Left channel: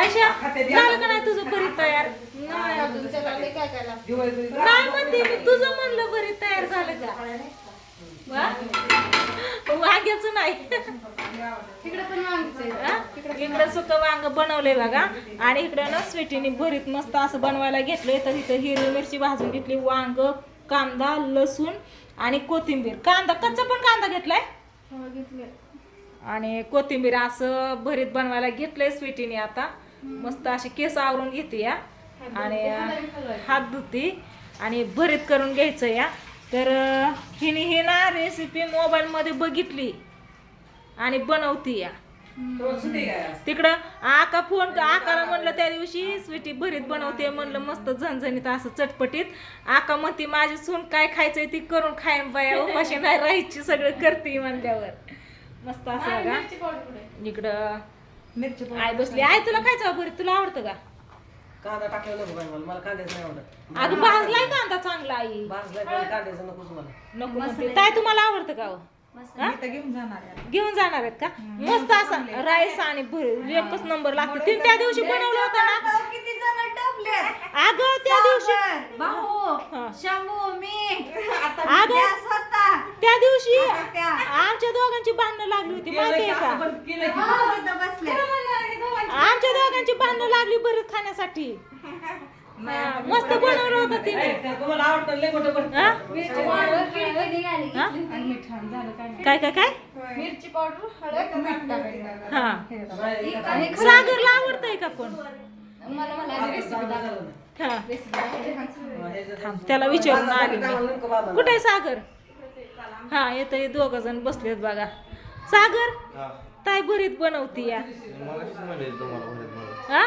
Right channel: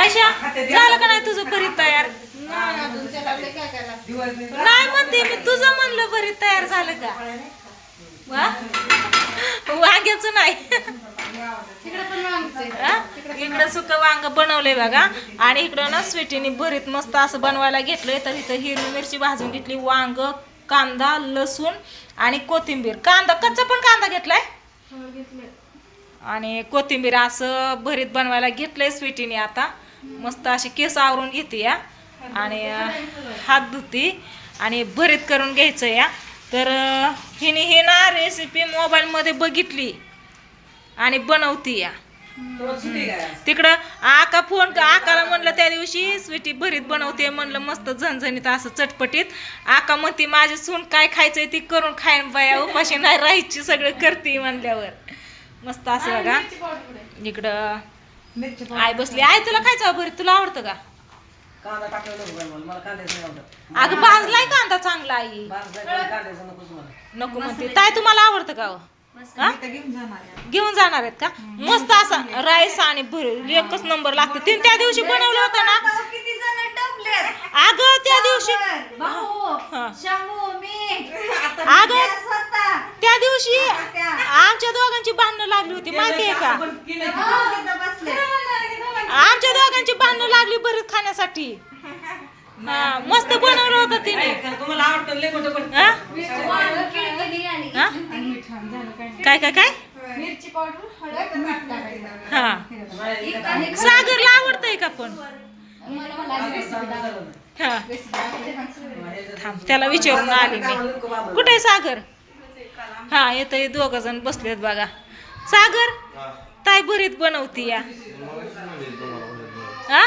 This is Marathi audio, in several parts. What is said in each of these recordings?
काय शा झालं का नाही तुझं भरीत तयार? नाही अजून त्याला लय काय काय लागतं. नाही म्हणते मी तुझं म्हणलं भरीत तयार झालं का? वांग्याचं नाही? इकडं सुक वांग बनवलंय बघा. आणि इकडं ना स्वीटीने भरीत मस्त असं बनवायला घेतलंय. तर इथं हिरवी मिरची भाजून घेतली वांग कांदा लसूण आणि कोथिंबीर. कांदा कच्चा पण कांदा घेतलाय? हो. आणि कोथिंबीर असं भरीत बनवायला घेतलंय स्वीटीने आता. मस्त असे केस आवरून घेते या. आणि हात धुती आणि भरीत करून घ्यायचं या. तर हिने ही ना रेसिपी मोबाईलमध्ये बघितली आणि बनवती या. तिकडं आका फोन आकाला म्हणलं त्या दिवशी स्वीटी भरीत बनवते म्हणलं मस्त झणझणीत असं चटपटीत. आका म्हणते माझी सून काय खायचंय ती करून खाईन बाया उपाशी नाही राहायची सगळं करते म्हणल्यावर. मस्त असं बघा? इकडं आई बसली. आई तुला खायचं भरीत तुला आवडतं का? कांदा टाकलेला नको मला. मला कांद्याचं नाही आवडत. अगं भाजलाय कांदा चांगला आई. भाजल्या पण कांद्याचं नकोच मला. नको म्हणते. ताई तुम्हाला आवडतं का हो? हा? घेऊन जाणार आहेत का? मस्त असा राईस आणि एकच नंबर लागतं. तीन त्या दिवशी बनवलं होतं ना? किती जण टपले अगं त्या दिवशी भाऊ हा. शंभू मी. अगं त्या दिवशी आमच्या दोघांची भांडणं लागली होती माहितीये का? पण केलं की हो, इथं बसले आमच्या दोघांची भांडणं लागली भरीत खाण्यासाठी. हा मस्त बनवलं होतं तिने. तुम्हाला आवडतं लय मोठं पण हा? हा? काय. काय काय? मिरची पावडर हळद मीठ टाकायचं हा. सागरला आवडतंय का पण? मला मला रेसिपी दाखव हा. रेसिपी दाखव थांब त्याला विचारून आली मी. कुठे आहे सागर? हा येत दोघ जण बसलेत बघा. सागर? ताई भरीत बनवती या. हा?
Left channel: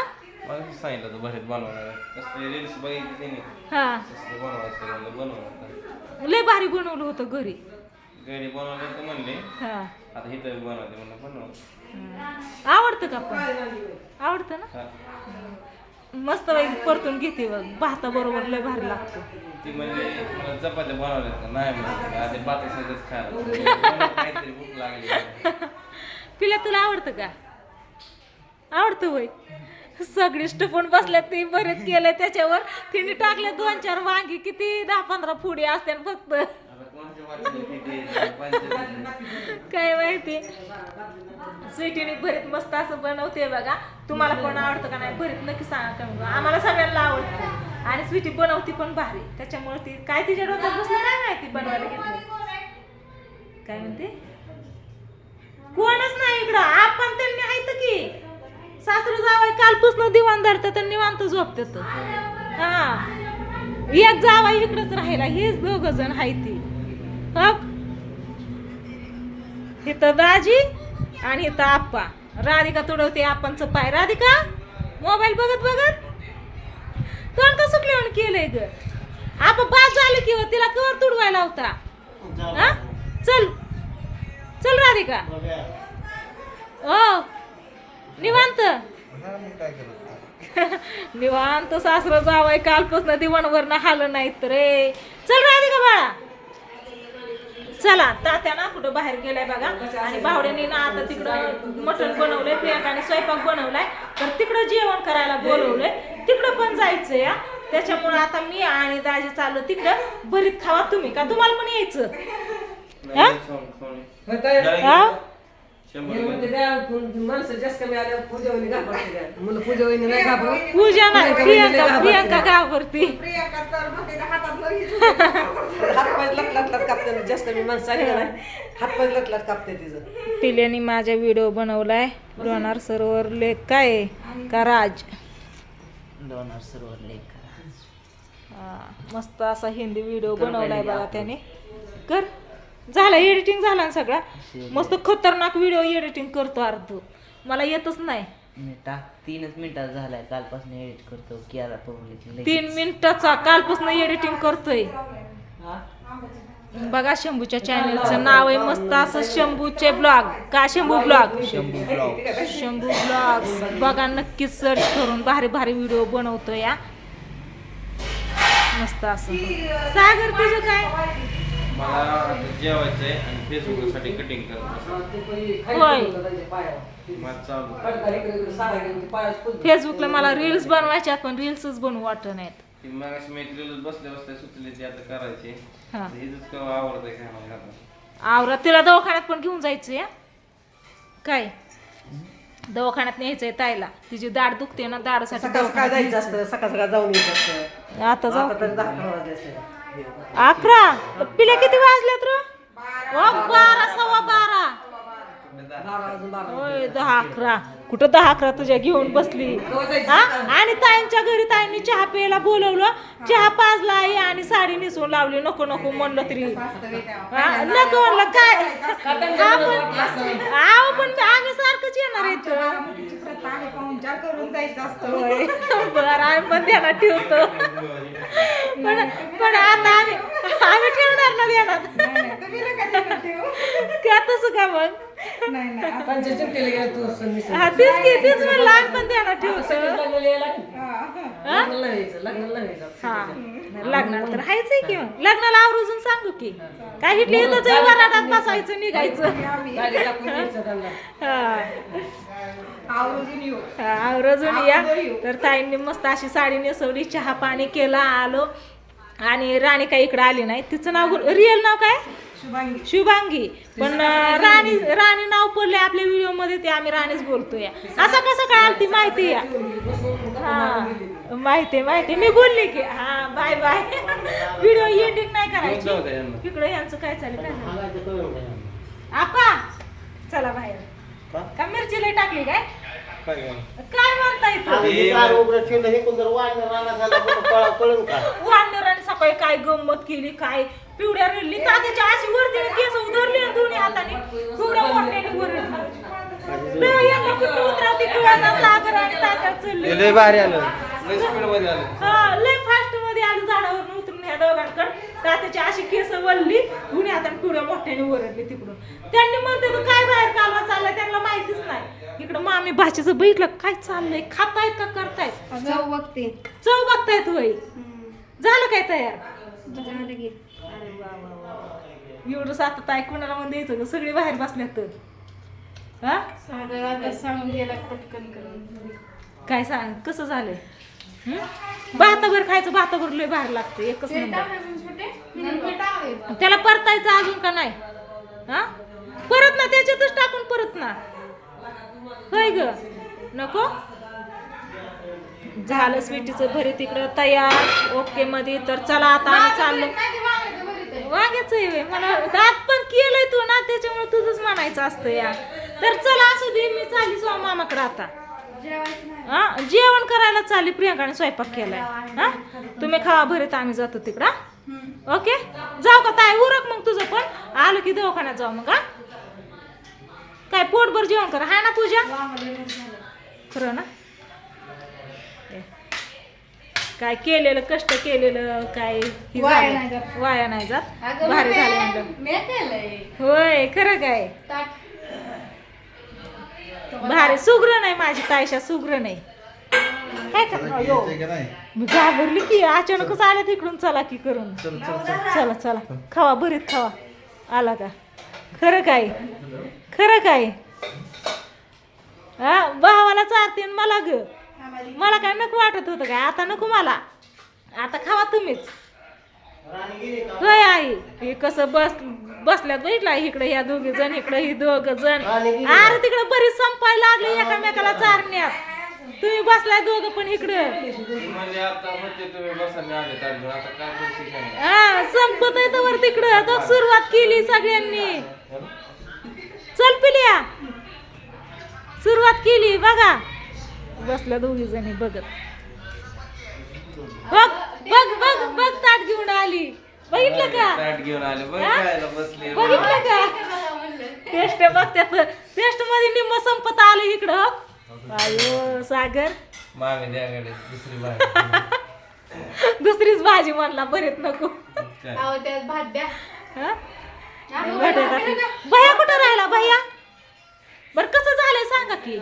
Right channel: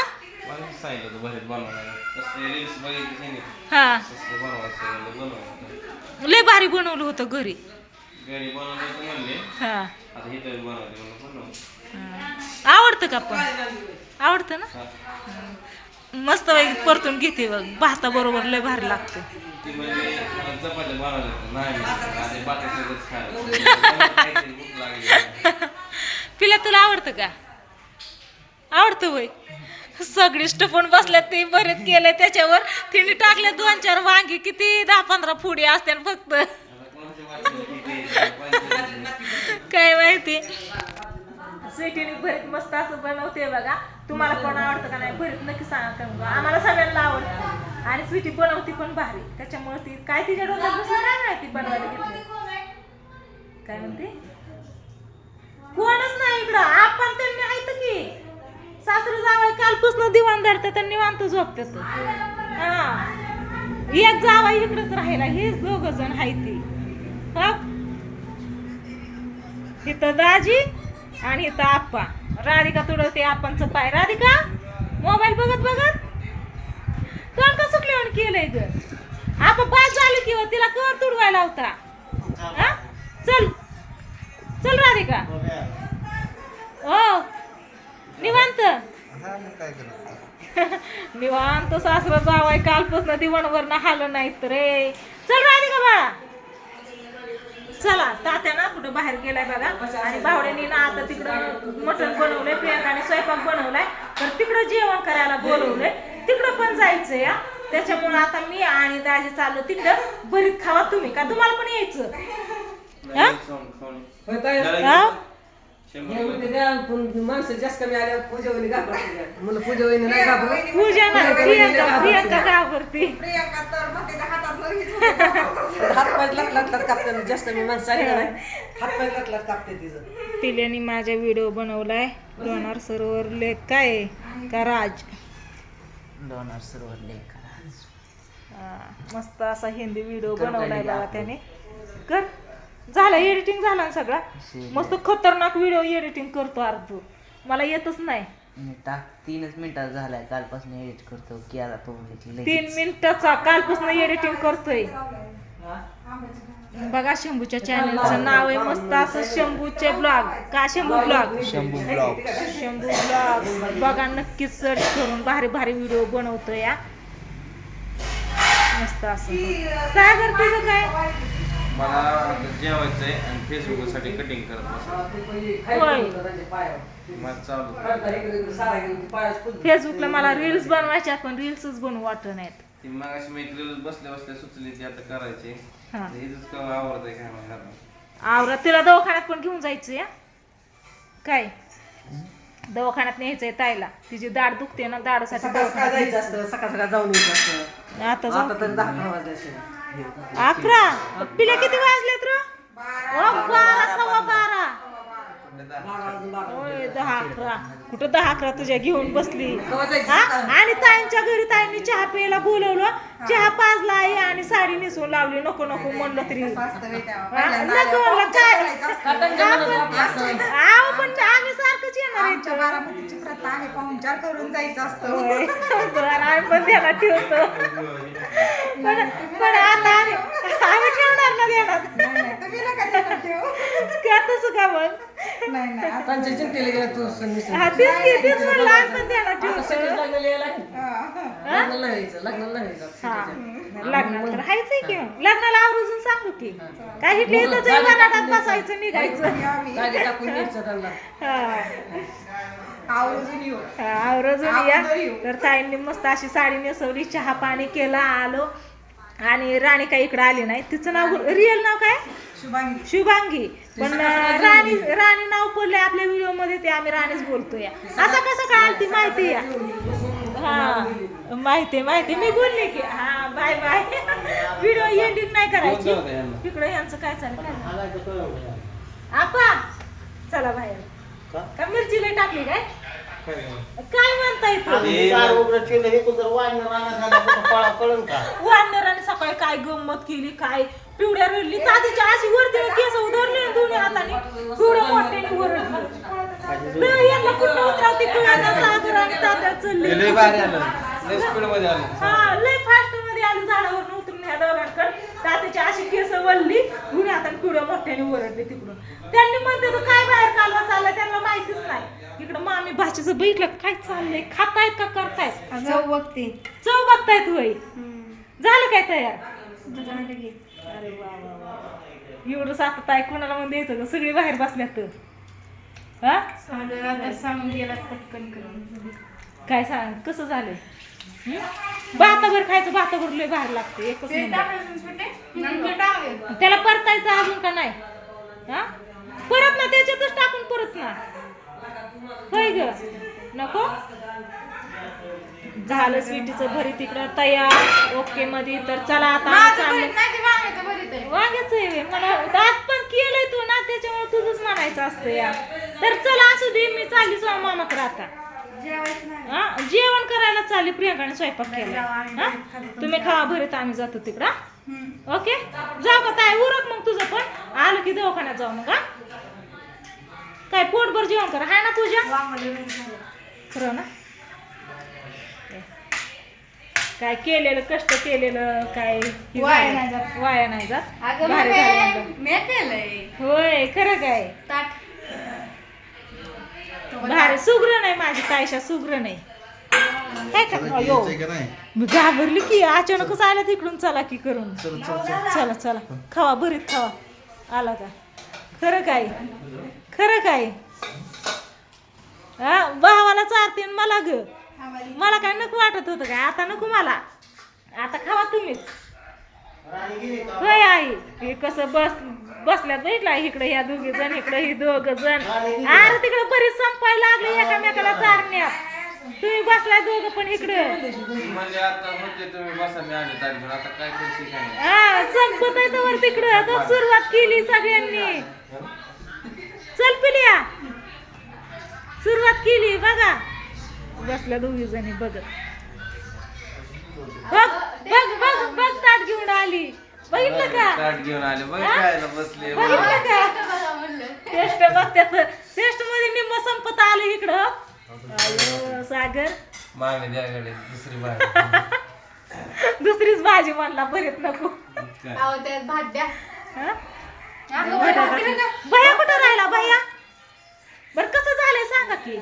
हा. लय भारी बनवलं होतं घरी. हा. आवडतं का पण? आवडतं ना. मस्त परतून घेते बघ. भाता बरोबर लय भारी लागतं. म्हणजे पिला तुला आवडतं का? आवडतं होय सगळी स्टफून बसल्यात ते बरेच केलं त्याच्यावर. तिने टाकले दोन चार वांगी. किती दहा पंधरा फुडी असते फक्त. काय माहिती? स्वीटीने भरीत मस्त असं बनवते बघा. तुम्हाला पण आवडतं का नाही भरीत नक्की सांगा का मग आम्हाला सगळ्यांना आवडतं. आणि स्वीटी बनवती पण भारी. त्याच्यामुळे ती काय तिच्या डोक्यात बसलं काय माहिती बनवायला घेतली. काय म्हणते? कोणच नाही इकडं. आपण त्यांनी आहेत की. सासरू जावं कालपासून दिवाण धरतात आणि निवांत झोपतात. हा. एक जावा इकडंच राहिला हेच दोघ जण आहेत ती. इथं दाजी आणि इथं आप्पा. राधिका तुडवते आपणचं पाय. राधिका मोबाईल बघत बघत. तोंड कसं सुटल्यावर केलंय ग? आपा बाद झाली किंवा हो, तिला कर तुडवायला होता हा? चल. चल राधिका. ओ निवांत. निवांत सासरं जावाय. कालपासून दिवणवर हाल नाहीत रे. चल राधिका बाळा. चला तात्या ना कुठं बाहेर गेलाय बघा. आणि भावड्याने ना आता तिकडं मटण बनवलंय प्रियांकाने स्वयंपाक बनवलाय. तर तिकडं जेवण करायला बोलवलंय. तिकडं पण जायचंय या त्याच्यामुळे आता मी आणि दाजी चाललो तिकडं. भरीत खावा तुम्ही का तुम्हाला पण यायचं? हा? हा? शंभर रुपये. म्हणते द्या, पण माणसं जास्त कमी आल्यावर पूजा वहिनी घाबरते द्या. म्हणलं पूजा वहिनी नाही घाबरत. पूजा नाही प्रियांका प्रियांका घाबरती हातपाय लट लट लट कापते जास्त मी माणसं आली का नाही हातपाय लट लट कापते तिचं पिल्याने माझा व्हिडिओ बनवलाय लोणार सरोवर लेक काय आहे? का राज डोनार सरोवर लेक करा हा, मस्त असा हिंदी व्हिडिओ बनवलाय बघा त्याने कर झाला एडिटिंग झाला ना सगळा. मस्त खतरनाक व्हिडिओ एडिटिंग करतो अर्ध. मला येतच नाही. मी टाक तीनच मिनिटात झालाय. कालपासून एडिट करतो. की आता पब्लिक तीन मिनिटाचा कालपासून एडिटिंग करतोय. बघा शंभूच्या चॅनलचं नाव आहे मस्त असं शंभूचे ब्लॉग का Shambhu blog Shambhu blog Shambhu blog बघा नक्कीच सर्च करून भारी भारी व्हिडिओ बनवतो या मस्त असं. सागर तुझं काय? मला आता जेवायचं आहे आणि फेसबुकसाठी कटिंग करत चालू. फेसबुकला मला रील्स बनवायच्यात पण रील्सच बनवू वाटत नाहीत. ती मग अशी मैत्रीला बसल्या बसल्या सुचली ती आता करायची. हा. का आवडतंय काय नाही आता. आवरा तिला दवाखान्यात पण घेऊन जायचं या काय? दवाखान्यात न्यायचंय ताईला. तिची दाढ दुखते ना दाढसाठी दवाखान्यात जायचं असतं सकाळ सकाळ जाऊन यायचं असतं. आता जाऊ. आता तरी दहा अकरा? वाजले पिला किती वाजल्यात र? बारा सव्वा बारा. होय दहा अकरा. कुठं दहा अकरा तुझ्या घेऊन बसली? हा? आणि ताईंच्या घरी ताईंनी चहा प्यायला बोलवलं. चहा पाजला आई आणि साडी नेसून लावली. नको नको म्हणलं तरी. नको म्हणलं काय? आहो, पण आम्ही सारखंच येणार आहे प्रथा आहे पाहुणचार करून जायचं असतं. आम्ही पण ध्यानात ठेवतो. पण पण आता आम्ही आम्ही ठेवणार ना ध्यानात तुम्ही नका ध्यानात ठेवू. त्या तसं का मग? नाही चिमटीला गेला तू हा तेच की तेच म्हणलं आम्ही पण ध्यानात ठेवतो. लग्नाला लागली. हा. लग्नाला यायचं लग्नाला यायचं हा लग्नाला तर हायच आहे की मग. लग्नाला आवरून सांगू की. काय हिटले इथंच आहे वराडात बसायचं निघायचं. गाडी टाकून यायचं त्यांना. आवर्जून येऊ. या. तर ताईंनी मस्त अशी साडी नेसवली चहा पाणी केलं आलो. आणि राणी काही इकडे आली नाही. तिचं नाव रिअल नाव काय? शुभांगी. शुभांगी. पण अं, राणी राणी नाव पडले आपल्या व्हिडिओमध्ये ते आम्ही राणीच बोलतोय. असं कसं काय आली ती माहिती या हा. माहिती माहिती मी बोलली की हा बाय बाय. व्हिडिओ एंडिंग नाही करायची. इकडे यांचं काय चालेल काय आपा चला बाहेर. का? मिरची लई टाकली काय? काय म्हणताय तू? वानराने सकाळी काय गंमत केली काय? पिवड्या रडली तात्याच्या अशी वरती केस उधरले दोन्ही हाताने पिवड्या मोठ्याने वरडली लय चलली. भारी आलं. लय स्पीडमध्ये आलं. हा लय फास्टमध्ये आली झाडावर उतरून ह्या दोघांकडे. तात्याची अशी केस वळली दोन्ही हाताने पिवड्या मोठ्याने तिकडून. त्यांनी म्हणते तर काय बाहेर कालवा चाललाय? त्यांना माहितीच नाही. तिकडं मामी भाषेचं बघितलं काय चाललंय? खातायत का करतायत? जाऊ बघते. चव बघतायत वय झालं काय तयार. अरे वा वा वा वा. एवढं सात ताय कोणाला म्हणून द्यायचं ग? सगळी बाहेर बसल्यात. तर हा? सांगून आता सांगून गेला पटकन करून. काय सांग कसं झालंय? भाताभर खायचं भाताभर लय बाहेर लागतं एकच नंबर. त्याला परतायचं अजून का नाही? हा? परत ना त्याच्यातच टाकून परत ना. होय ग. नको? झालं स्वीटीचं भरी तिकडं तयार. ओके मध्ये तर चला आता चाललो. वांग्याच आहे. मला दात पण केलंय तू ना त्याच्यामुळे तुझंच म्हणायचं असतं या. तर चला असू दे मी चालली सो मामाकडे आता. हा? जेवण करायला चालली प्रियंकाने स्वयंपाक केला. हा? तुम्ही खावा भरीत आम्ही जातो तिकडं. ओके? जाऊ का ताई उरक मग तुझं पण. आलं की दवाखान्यात जाऊ मग हा? काय पोटभर जेवण कर. हाय ना पूजा. खरं ना. काय केलेलं कष्ट केलेलं काय हे वाया. नाही जात. वाया नाही जात. अगं भारी झालं होय खरं काय? भारी सुग्र नाही माझी तायशा सुग्र नाही. काय मी घाबरली की अचानकच आल्या तिकडून चला की करून. चला चला खावा भरीत खावा. आला का? खरं काय? खरं काय? हा भावाला चारते मला ग. मला काय नको वाटत होतं काय आता नको मला. आता खावा तुम्हीच. होय आई. हे कसं बस बसल्यात बघितला इकडे ह्या दोघी जण इकडे ही दोघ जण. अरे तिकडे बरीच संपायला लागले एकामेकाला चारण्यात. तुम्ही बसलाय दोघं पण इकडे. म्हणजे. हा संपत आहे तर तिकडं. तो सुरुवात केली सगळ्यांनी. चल पिल्या. सुरुवात केली बघा. बसल्या दोघी जणी बघत. बघ बघ बघ बघ ताट घेऊन आली. बघितलं का? ताट घेऊन आले. बघ खायला बसले. बघितलं का? टेस्ट बघत्यात. टेस्टमध्ये निम्म संपत आलं इकडं. अयो सागर. मामी द्याकडे दुसरी बाहेर दुसरीच भाजी म्हणला बरेच नको. काय? अहो त्यात भात द्या. हा? भैया कुठं राहिला भैया? बर कसं झालंय सांगा की.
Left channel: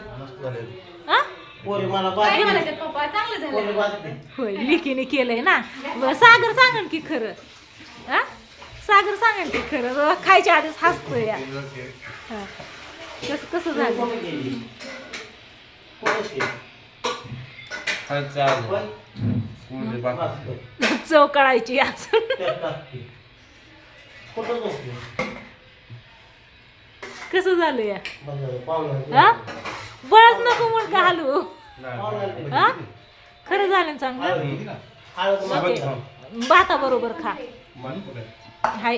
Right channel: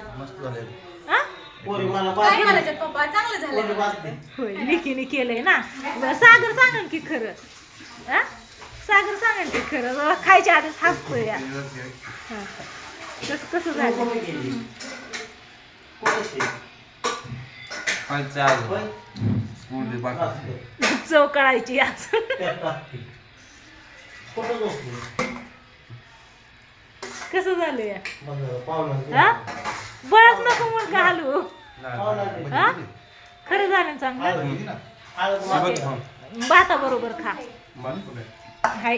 हा? काय म्हणायचं पप्पा? चांगलं झालं होय लिकीने केलंय ना. बरं, सागर सांगन की खरं. हा? सागर सांगा की खरं. खायच्या आधीच हसतो या. हा. कसं कसं झालं. चव कळायची आज? कसं झालं या? हा? बळच नको मग का हलू ते. हा? खरं झालं ना चांगलं. भाता बरोबर खा. हाय.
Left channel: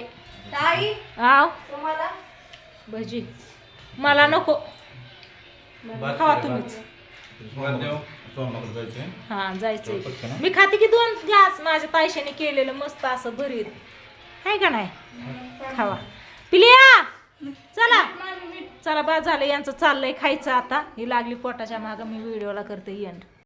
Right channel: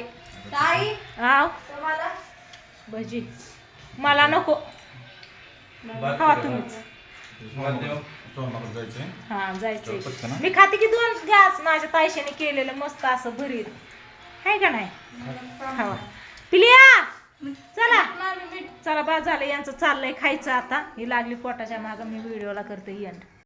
ताई? आव तुम्हाला? भजी. मला नको. खावा तुम्हीच. हा जायचंय. मी खाते की दोन घास माझ्या तायशाने केलेलं मस्त असं भरीत. आहे का नाही? खावा. पिलिया! चला. चला बा झालं. यांचं चाललंय खायचं आता. ही लागली पोटाच्या मागं. मी व्हिडिओला करते एंड